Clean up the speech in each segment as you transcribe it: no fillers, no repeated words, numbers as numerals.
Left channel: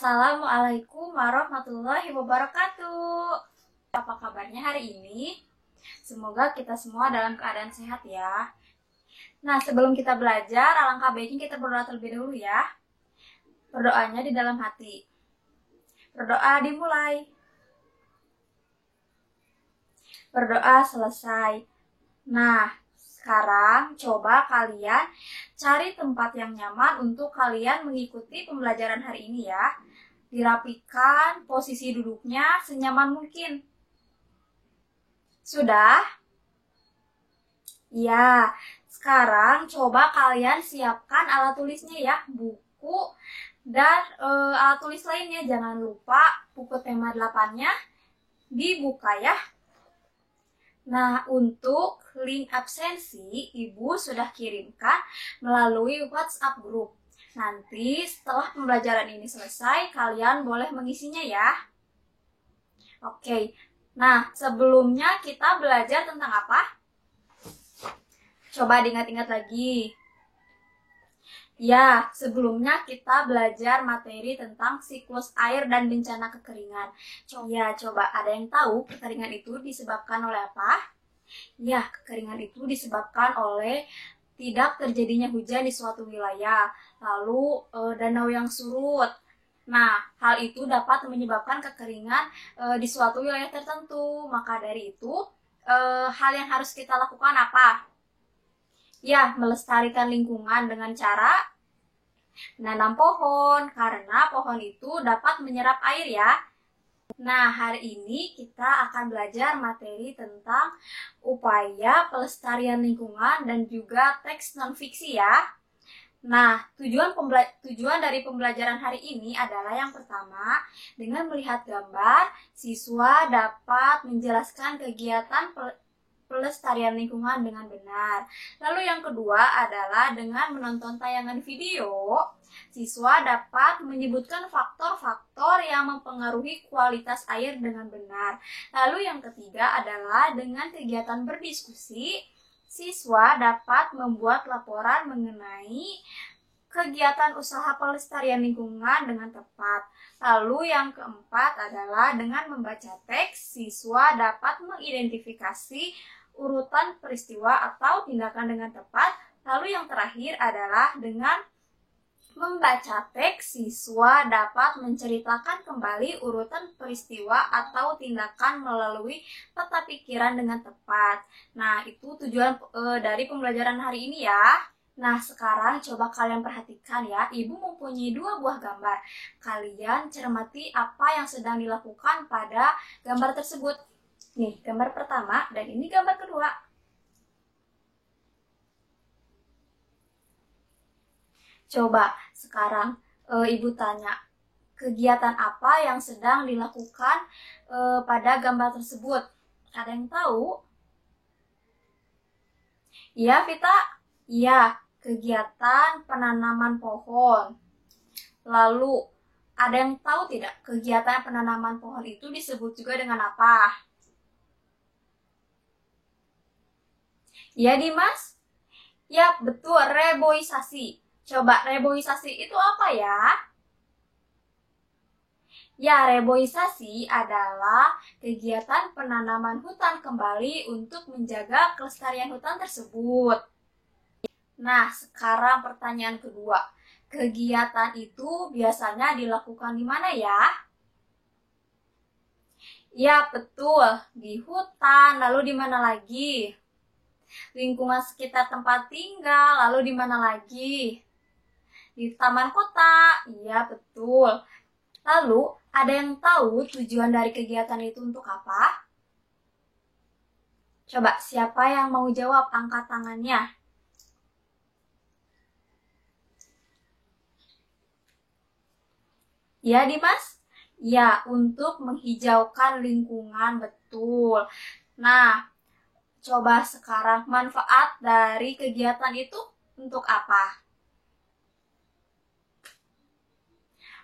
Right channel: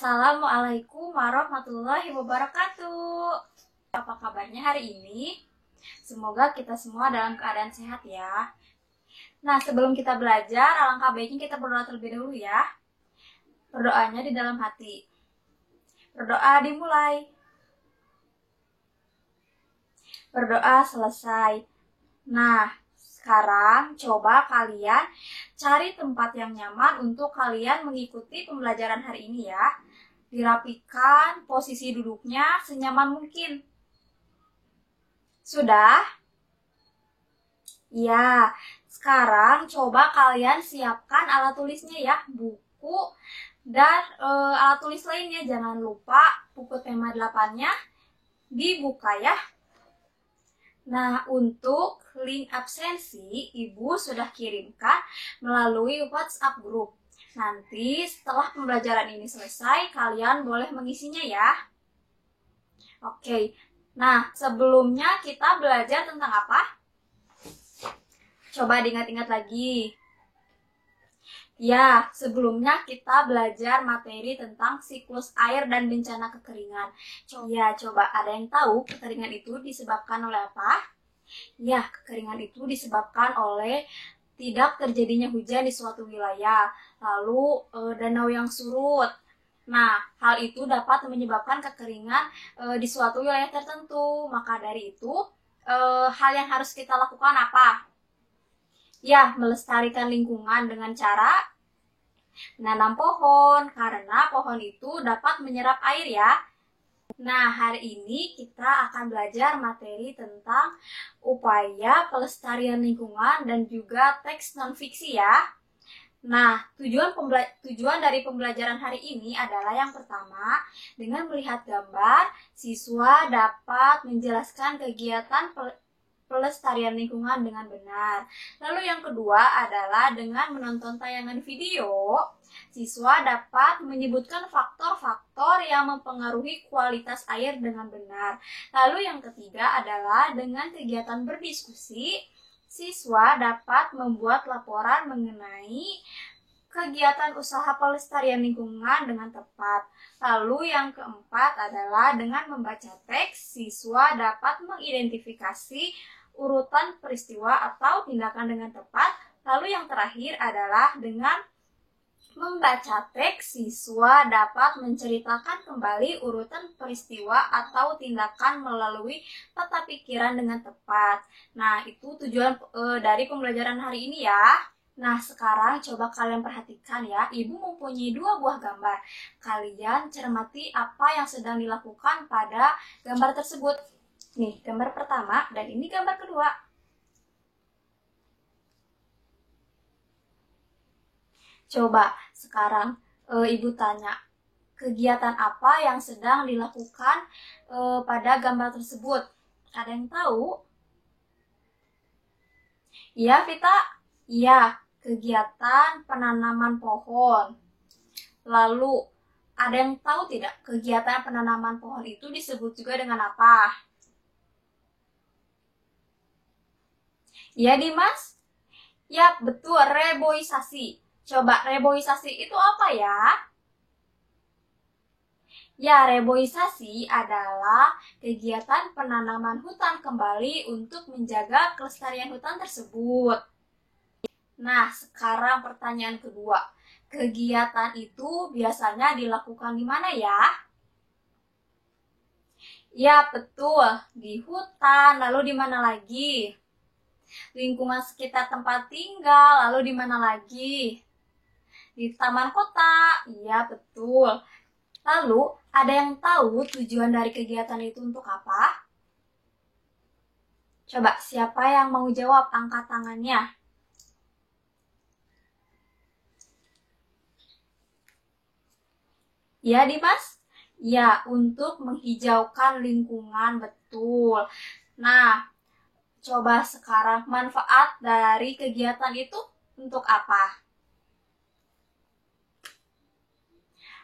Assalamualaikum warahmatullahi wabarakatuh. Apa kabarnya hari ini? Semoga kita semua dalam keadaan sehat ya. Nah, sebelum kita belajar, alangkah baiknya kita berdoa terlebih dahulu ya. Berdoanya di dalam hati. Berdoa dimulai. Berdoa selesai. Nah, sekarang coba kalian cari tempat yang nyaman untuk kalian mengikuti pembelajaran hari ini ya. Dirapikan posisi duduknya senyaman mungkin. Sudah? Ya, sekarang coba kalian siapkan alat tulisnya ya, buku dan alat tulis lainnya. Jangan lupa buku tema 8-nya dibuka ya. Nah, untuk link absensi, Ibu sudah kirimkan melalui WhatsApp group. Nanti setelah pembelajaran ini selesai, kalian boleh mengisinya ya. Oke, nah sebelumnya kita belajar tentang apa? Coba diingat-ingat lagi. Ya, sebelumnya kita belajar materi tentang siklus air dan bencana kekeringan. Coba ada yang tahu kekeringan itu disebabkan oleh apa? Ya, kekeringan itu disebabkan oleh tidak terjadinya hujan di suatu wilayah, lalu danau yang surut. Nah, hal itu dapat menyebabkan kekeringan di suatu wilayah tertentu. Maka dari itu, hal yang harus kita lakukan apa? Ya, melestarikan lingkungan dengan cara menanam pohon, karena pohon itu dapat menyerap air ya. Nah, hari ini kita akan belajar materi tentang upaya pelestarian lingkungan dan juga teks non-fiksi ya. Nah, tujuan dari pembelajaran hari ini adalah yang pertama, dengan melihat gambar, siswa dapat menjelaskan kegiatan pelestarian lingkungan dengan benar. Lalu yang kedua adalah dengan menonton tayangan video, siswa dapat menyebutkan faktor-faktor yang mempengaruhi kualitas air dengan benar. Lalu yang ketiga adalah dengan kegiatan berdiskusi, siswa dapat membuat laporan mengenai kegiatan usaha pelestarian lingkungan dengan tepat. Lalu yang keempat adalah dengan membaca teks, siswa dapat mengidentifikasi urutan peristiwa atau tindakan dengan tepat. Lalu yang terakhir adalah dengan membaca teks, siswa dapat menceritakan kembali urutan peristiwa atau tindakan melalui tata pikiran dengan tepat. Nah, itu tujuan dari pembelajaran hari ini ya. Nah, sekarang coba kalian perhatikan ya, Ibu mempunyai 2 buah gambar. Kalian cermati apa yang sedang dilakukan pada gambar tersebut. Nih, gambar pertama dan ini gambar kedua. Coba sekarang Ibu tanya, kegiatan apa yang sedang dilakukan pada gambar tersebut? Ada yang tahu? Iya, Vita? Iya, kegiatan penanaman pohon. Lalu, ada yang tahu tidak kegiatan penanaman pohon itu disebut juga dengan apa? Ya, Dimas? Ya, betul, reboisasi. Coba, reboisasi itu apa ya? Ya, reboisasi adalah kegiatan penanaman hutan kembali untuk menjaga kelestarian hutan tersebut. Nah, sekarang pertanyaan kedua. Kegiatan itu biasanya dilakukan di mana ya? Ya, betul. Di hutan, lalu di mana lagi? Lingkungan sekitar tempat tinggal, lalu di mana lagi? Di taman kota. Iya, betul. Lalu, ada yang tahu tujuan dari kegiatan itu untuk apa? Coba, siapa yang mau jawab? Angkat tangannya. Ya, Dimas? Ya, untuk menghijaukan lingkungan, betul. Nah, coba sekarang manfaat dari kegiatan itu untuk apa?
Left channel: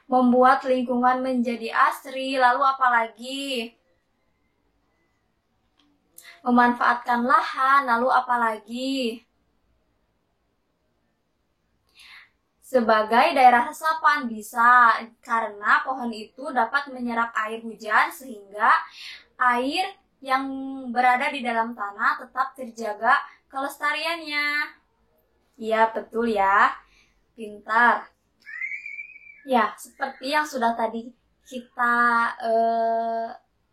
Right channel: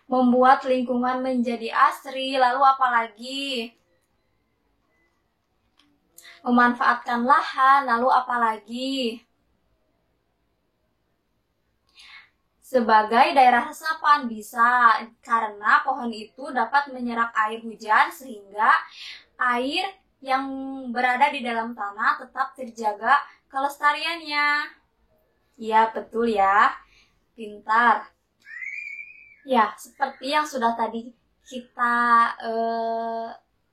Membuat lingkungan menjadi asri, lalu apa lagi? Memanfaatkan lahan, lalu apa lagi? Sebagai daerah resapan bisa, karena pohon itu dapat menyerap air hujan sehingga air yang berada di dalam tanah tetap terjaga kelestariannya. Ya, betul ya. Pintar. Ya, seperti yang sudah tadi kita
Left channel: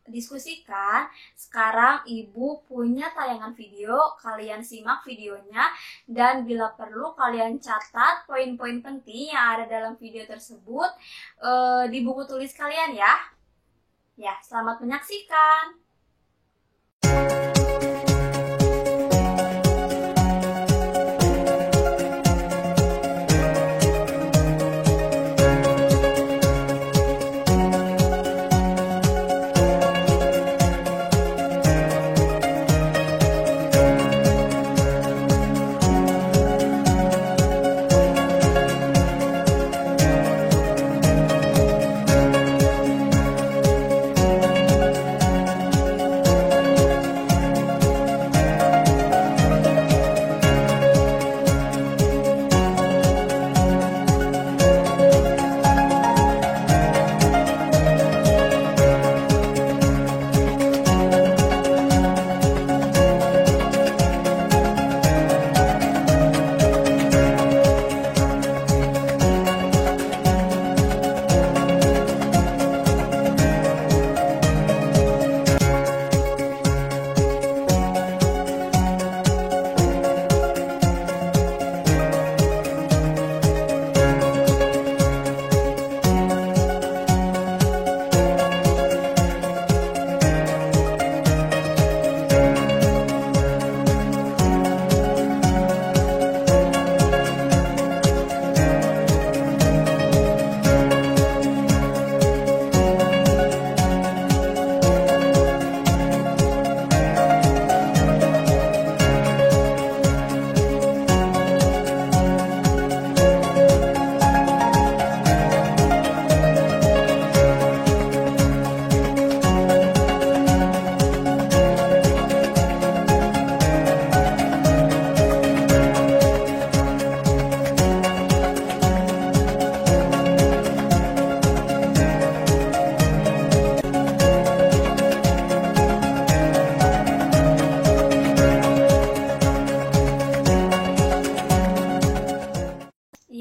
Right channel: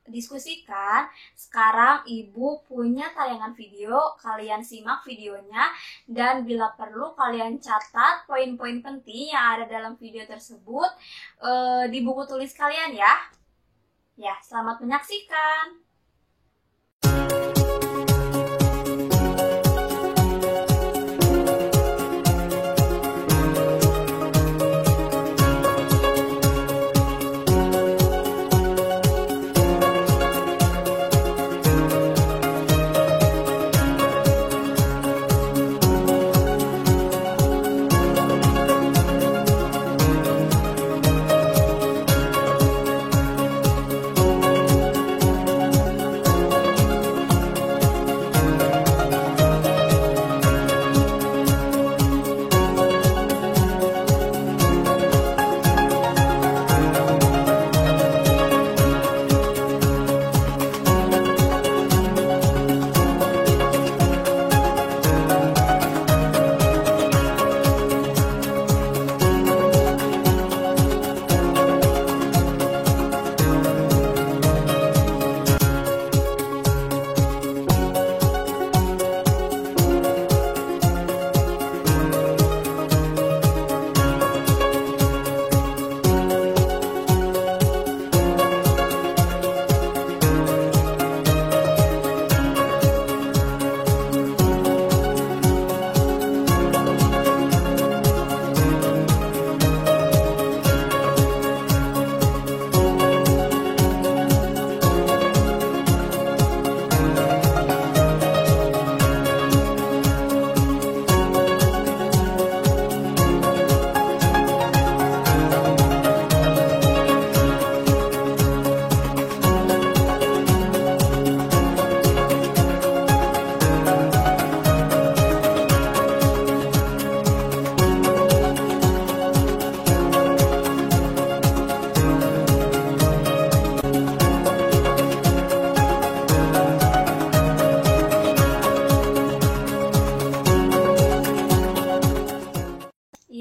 diskusikan, sekarang Ibu punya tayangan video, kalian simak videonya, dan bila perlu kalian catat poin-poin penting yang ada dalam video tersebut di buku tulis kalian ya. Ya, selamat menyaksikan.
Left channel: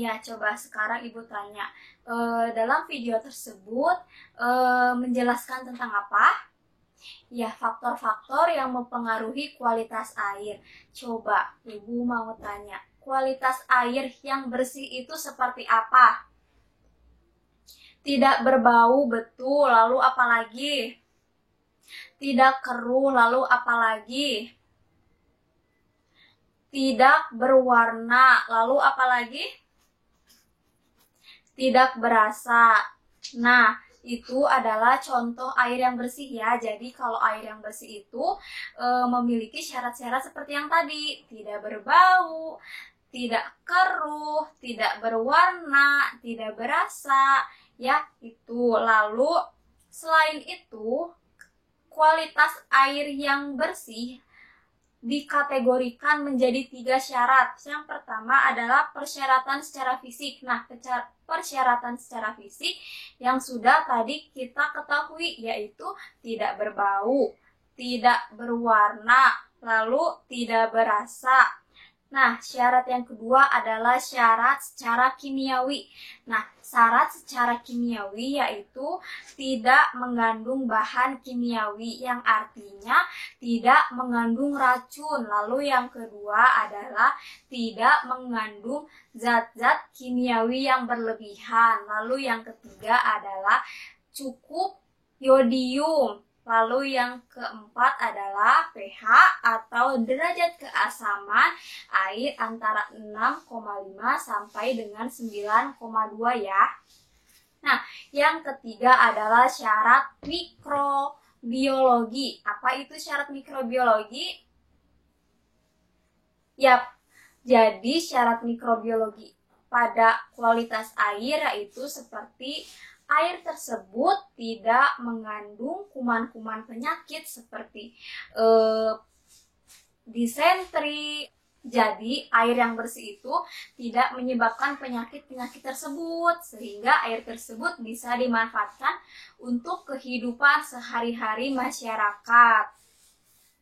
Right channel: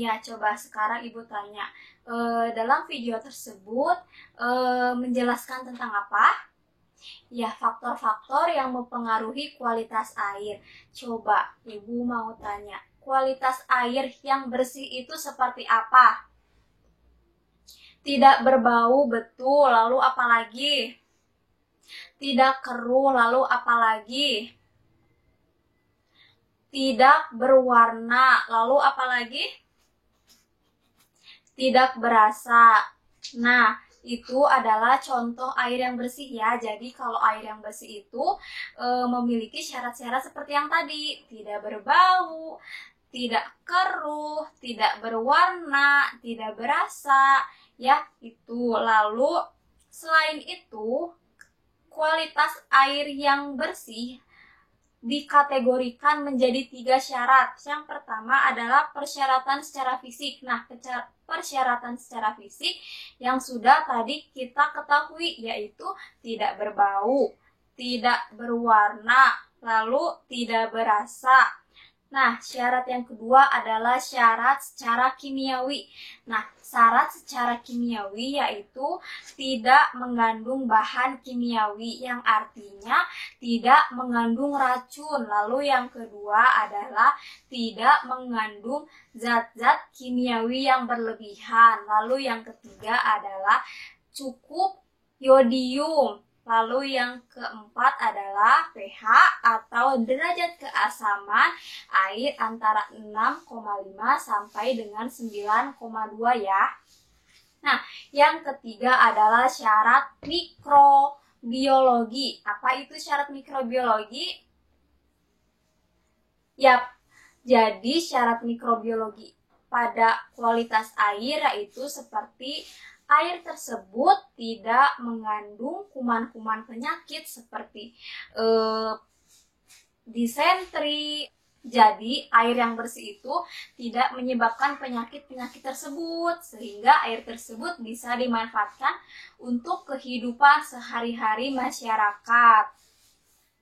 Iya, coba sekarang Ibu tanya, dalam video tersebut menjelaskan tentang apa? Ya, faktor-faktor yang mempengaruhi kualitas air. Coba Ibu mau tanya, kualitas air yang bersih itu seperti apa? Tidak berbau, betul. Lalu apa lagi? Tidak keruh, lalu apa lagi? Tidak berwarna, lalu apa lagi? Tidak berasa. Nah, itu adalah contoh air yang bersih ya. Jadi kalau air yang bersih itu memiliki syarat-syarat seperti yang tadi. Tidak berbau, tidak keruh, tidak berwarna, tidak berasa. Ya, itu. Lalu selain itu, kualitas air yang bersih dikategorikan menjadi 3 syarat. Yang pertama adalah persyaratan secara fisik. Nah, persyaratan secara fisik yang sudah tadi kita ketahui, yaitu tidak berbau, tidak berwarna, lalu tidak berasa. Nah, syarat yang kedua adalah syarat secara kimiawi. Nah, syarat secara kimiawi yaitu tidak mengandung bahan kimiawi, yang artinya tidak mengandung racun. Lalu yang kedua adalah tidak mengandung zat-zat kimiawi yang berlebihan. Lalu yang ketiga adalah cukup yodium. Lalu yang keempat adalah pH atau derajat keasaman air antara 6,5 sampai dengan 9,2 ya. Nah, yang ketiga adalah syarat mikrobiologi. Apa itu syarat mikrobiologi? Yap, jadi syarat mikrobiologi pada kualitas air yaitu seperti air tersebut tidak mengandung kuman-kuman penyakit seperti disentri, Jadi, air yang bersih itu tidak menyebabkan penyakit-penyakit tersebut, sehingga air tersebut bisa dimanfaatkan untuk kehidupan sehari-hari masyarakat.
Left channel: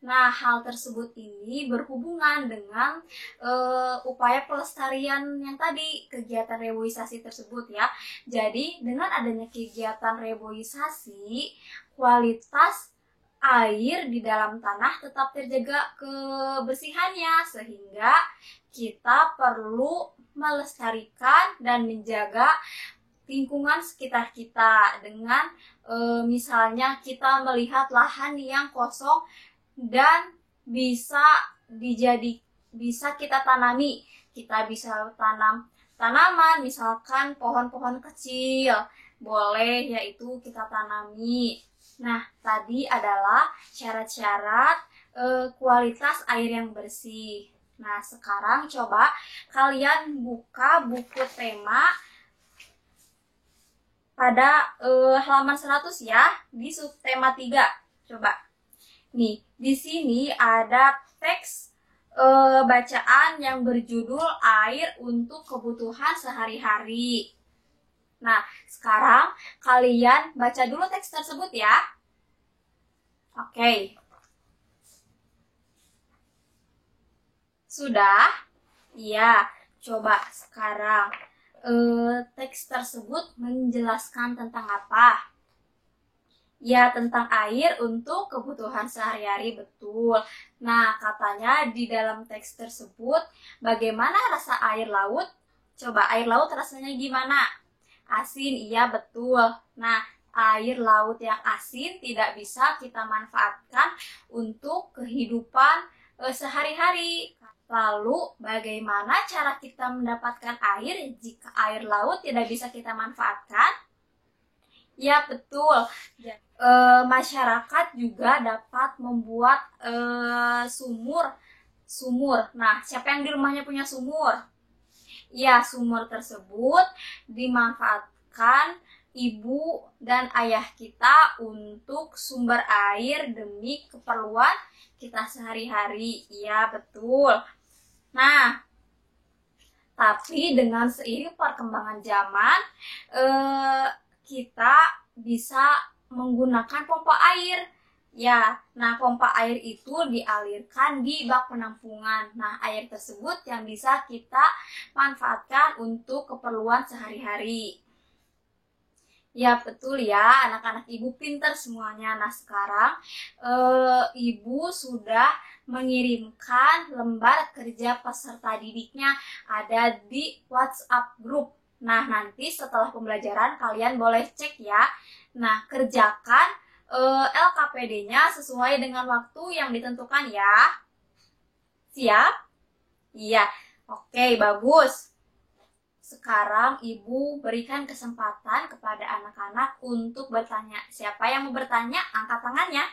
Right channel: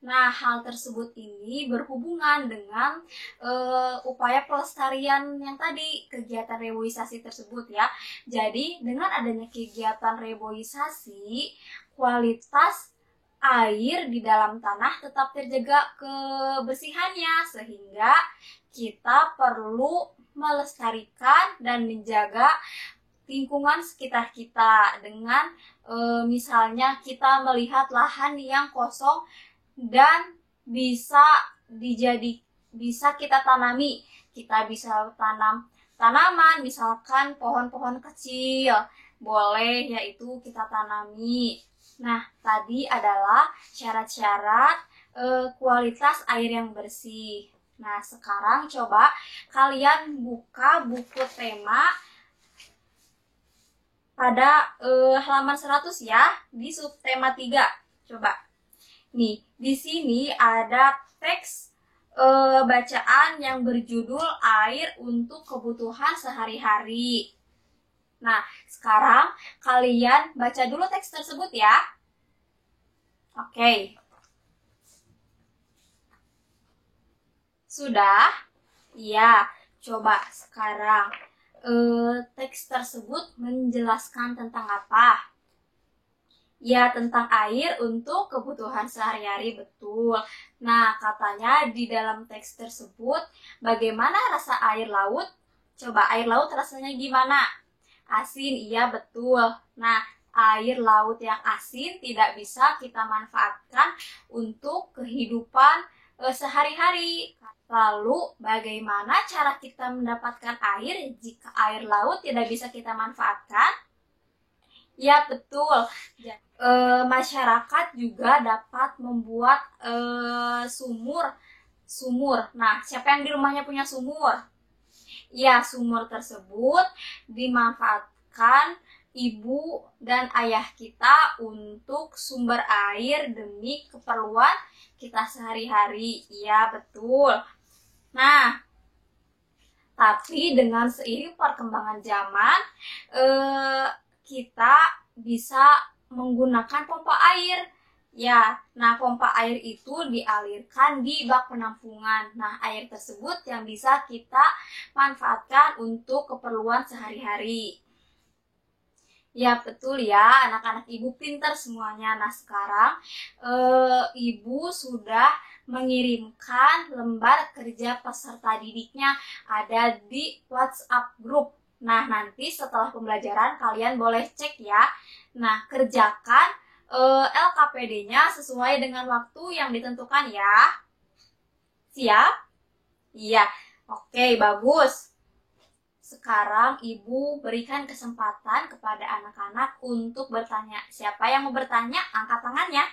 Nah, hal tersebut ini berhubungan dengan upaya pelestarian yang tadi, kegiatan reboisasi tersebut ya. Jadi, dengan adanya kegiatan reboisasi, kualitas air di dalam tanah tetap terjaga kebersihannya, sehingga kita perlu melestarikan dan menjaga lingkungan sekitar kita dengan misalnya kita melihat lahan yang kosong dan bisa kita tanami. Kita bisa tanam tanaman, misalkan pohon-pohon kecil, boleh yaitu kita tanami. Nah, tadi adalah syarat-syarat kualitas air yang bersih. Nah, sekarang coba kalian buka buku tema pada halaman 100 ya, di subtema 3. Coba. Nih, di sini ada teks bacaan yang berjudul Air untuk Kebutuhan Sehari-hari. Nah, sekarang kalian baca dulu teks tersebut ya. Oke. Sudah? Iya, coba sekarang teks tersebut menjelaskan tentang apa? Ya, tentang air untuk kebutuhan sehari-hari, betul. Nah, katanya di dalam teks tersebut, bagaimana rasa air laut? Coba, air laut rasanya gimana? Asin, iya betul. Nah, air laut yang asin tidak bisa kita manfaatkan untuk kehidupan sehari-hari. Lalu, bagaimana cara kita mendapatkan air jika air laut tidak bisa kita manfaatkan? Ya, betul. Masyarakat juga dapat membuat sumur. Nah, siapa yang di rumahnya punya sumur? Ya, sumur tersebut dimanfaatkan ibu dan ayah kita untuk sumber air demi keperluan kita sehari-hari. Ya, betul. Nah, tapi dengan seiring perkembangan zaman, kita bisa menggunakan pompa air. Ya, nah pompa air itu dialirkan di bak penampungan. Nah, air tersebut yang bisa kita manfaatkan untuk keperluan sehari-hari. Ya, betul ya, anak-anak ibu pintar semuanya. Nah, sekarang ibu sudah mengirimkan lembar kerja peserta didiknya ada di WhatsApp group. Nah, nanti setelah pembelajaran kalian boleh cek ya. Nah, kerjakan LKPD-nya sesuai dengan waktu yang ditentukan ya. Siap? Iya. Oke, bagus. Sekarang ibu berikan kesempatan kepada anak-anak untuk bertanya. Siapa yang mau bertanya? Angkat tangannya.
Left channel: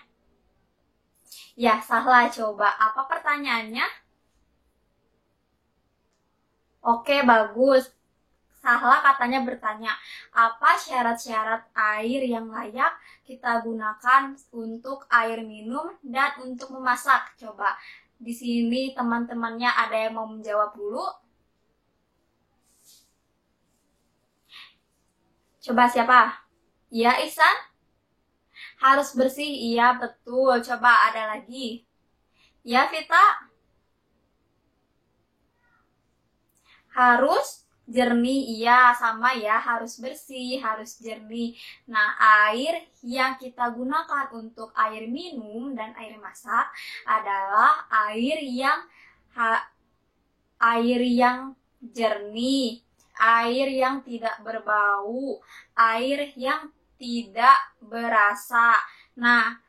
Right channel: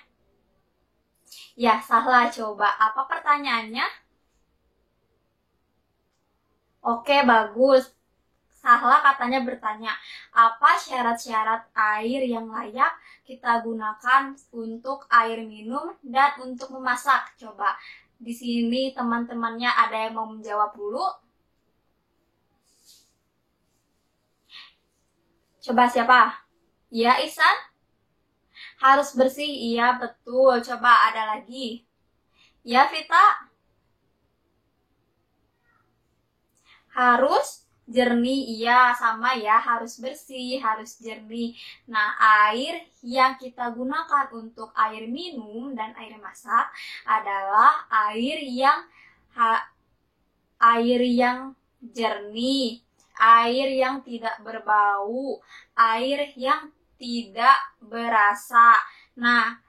Ya, salah. Coba. Apa pertanyaannya? Oke, bagus. Salah katanya bertanya, apa syarat-syarat air yang layak kita gunakan untuk air minum dan untuk memasak? Coba, di sini teman-temannya ada yang mau menjawab dulu? Coba siapa? Ya, Ihsan? Harus bersih, iya betul. Coba ada lagi. Ya, Vita? Harus jernih, iya sama ya, harus bersih, harus jernih. Nah, air yang kita gunakan untuk air minum dan air masak adalah air yang jernih, air yang tidak berbau, air yang tidak berasa. Nah,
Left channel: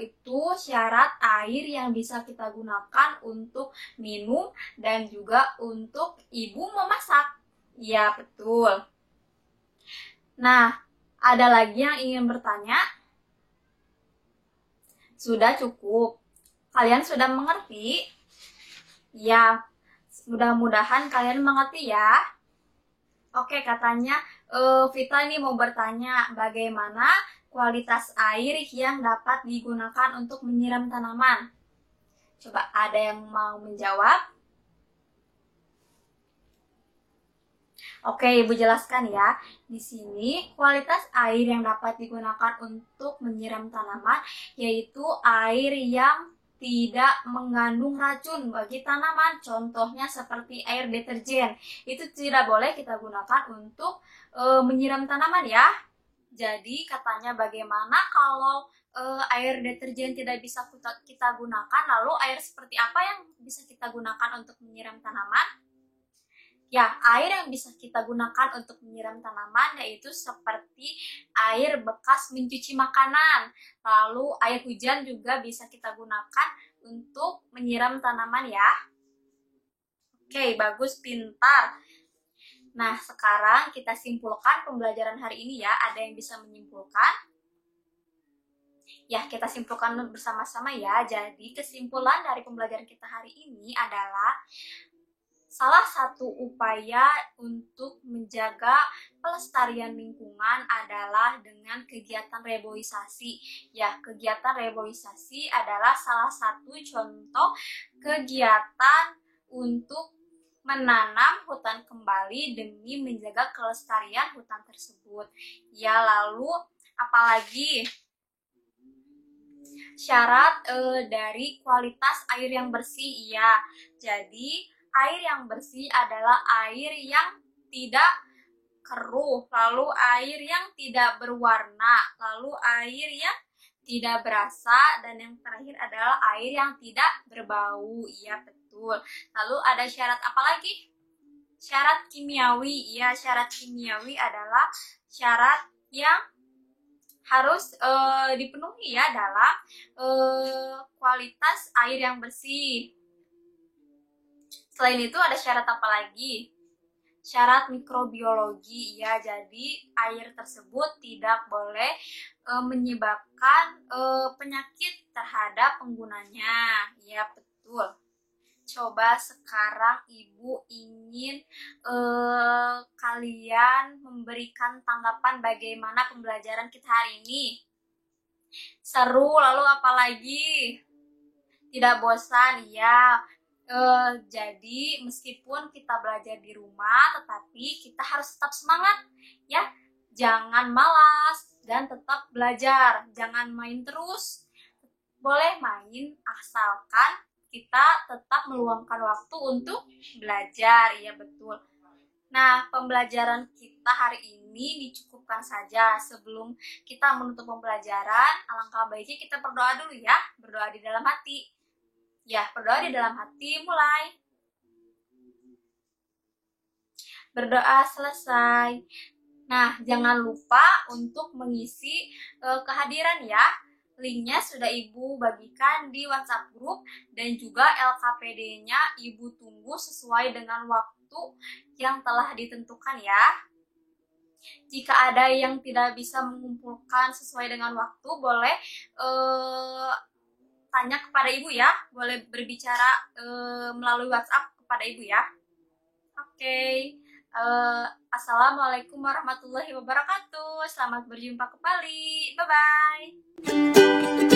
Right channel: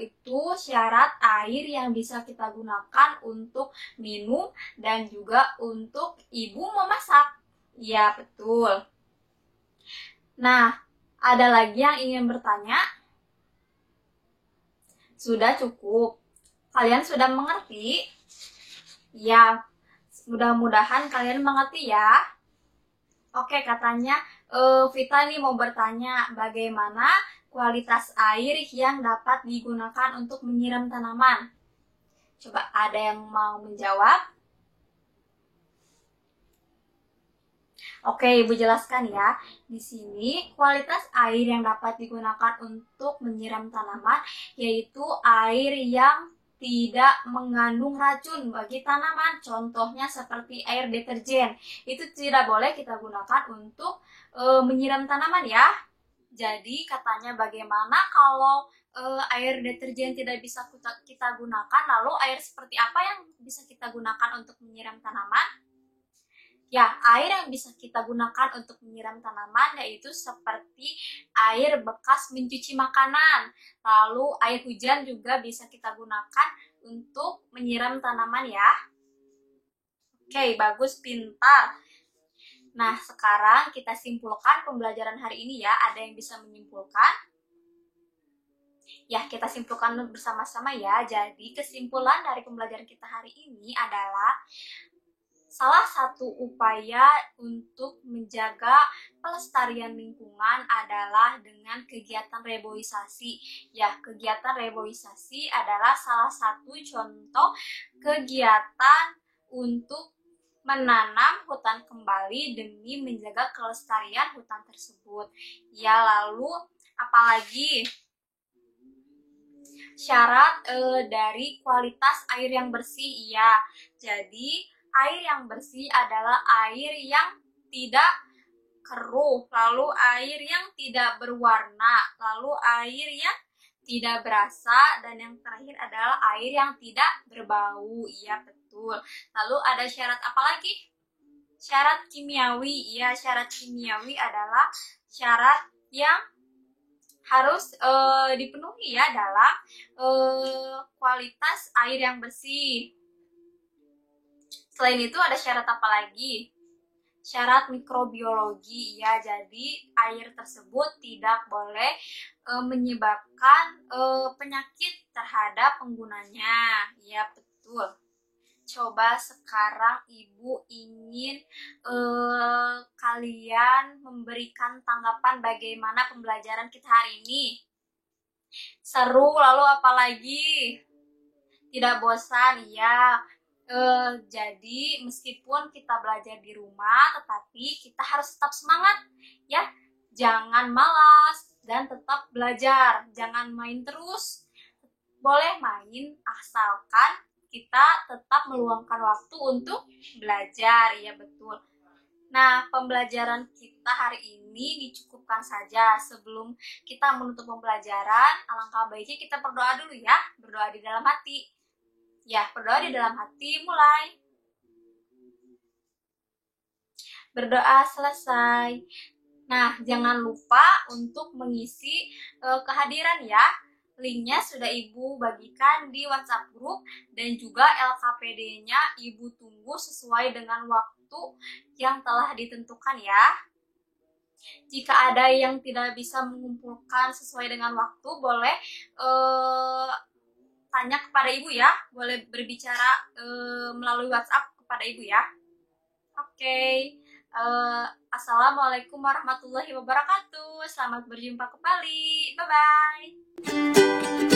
itu syarat air yang bisa kita gunakan untuk minum dan juga untuk ibu memasak. Ya, betul. Nah, ada lagi yang ingin bertanya? Sudah cukup? Kalian sudah mengerti? Ya, mudah-mudahan kalian mengerti ya. Oke, katanya Vita ini mau bertanya bagaimana kualitas air yang dapat digunakan untuk menyiram tanaman. Coba ada yang mau menjawab? Oke, Ibu jelaskan ya. Di sini kualitas air yang dapat digunakan untuk menyiram tanaman yaitu air yang tidak mengandung racun bagi tanaman. Contohnya seperti air deterjen. Itu tidak boleh kita gunakan untuk menyiram tanaman ya. Jadi katanya bagaimana kalau air deterjen tidak bisa kita gunakan, lalu air seperti apa yang bisa kita gunakan untuk menyiram tanaman? Ya, air yang bisa kita gunakan untuk menyiram tanaman yaitu seperti air bekas mencuci makanan. Lalu air hujan juga bisa kita gunakan untuk menyiram tanaman ya. Oke, bagus, pintar. Nah, sekarang kita simpulkan pembelajaran hari ini ya. Ada yang bisa menyimpulkan? Ya, kita simpulkan bersama-sama ya. Jadi, kesimpulan dari pembelajaran kita hari ini adalah salah satu upaya untuk menjaga pelestarian lingkungan adalah dengan kegiatan reboisasi. Ya, kegiatan reboisasi adalah salah satu contoh kegiatan untuk menanam hutan kembali demi menjaga kelestarian hutan tersebut. Ya, lalu apalagi syarat dari kualitas air yang bersih? Ya, jadi air yang bersih adalah air yang tidak keruh, lalu air yang tidak berwarna, lalu air yang tidak berasa, dan yang terakhir adalah air yang tidak berbau. Iya, betul. Lalu ada syarat apa lagi? Syarat kimiawi. Iya, syarat kimiawi adalah syarat yang harus dipenuhi ya dalam kualitas air yang bersih. Selain itu ada syarat apa lagi? Syarat mikrobiologi ya, jadi air tersebut tidak boleh menyebabkan penyakit terhadap penggunanya. Ya, betul. Coba sekarang Ibu ingin kalian memberikan tanggapan bagaimana pembelajaran kita hari ini. Seru, lalu apalagi? Tidak bosan? Ya. Jadi meskipun kita belajar di rumah, tetapi kita harus tetap semangat ya. Jangan malas dan tetap belajar. Jangan main terus. Boleh main asalkan kita tetap meluangkan waktu untuk belajar. Iya, betul. Nah, pembelajaran kita hari ini dicukupkan saja. Sebelum kita menutup pembelajaran, alangkah baiknya kita berdoa dulu ya. Berdoa di dalam hati. Ya, berdoa di dalam hati, mulai. Berdoa selesai. Nah, jangan lupa untuk mengisi kehadiran ya. Linknya sudah Ibu bagikan di WhatsApp grup dan juga LKPD-nya Ibu tunggu sesuai dengan waktu yang telah ditentukan ya. Jika ada yang tidak bisa mengumpulkan sesuai dengan waktu, boleh tanya kepada Ibu ya. Boleh berbicara melalui WhatsApp kepada Ibu ya. Oke. Assalamualaikum warahmatullahi wabarakatuh. Selamat berjumpa kembali. Bye-bye.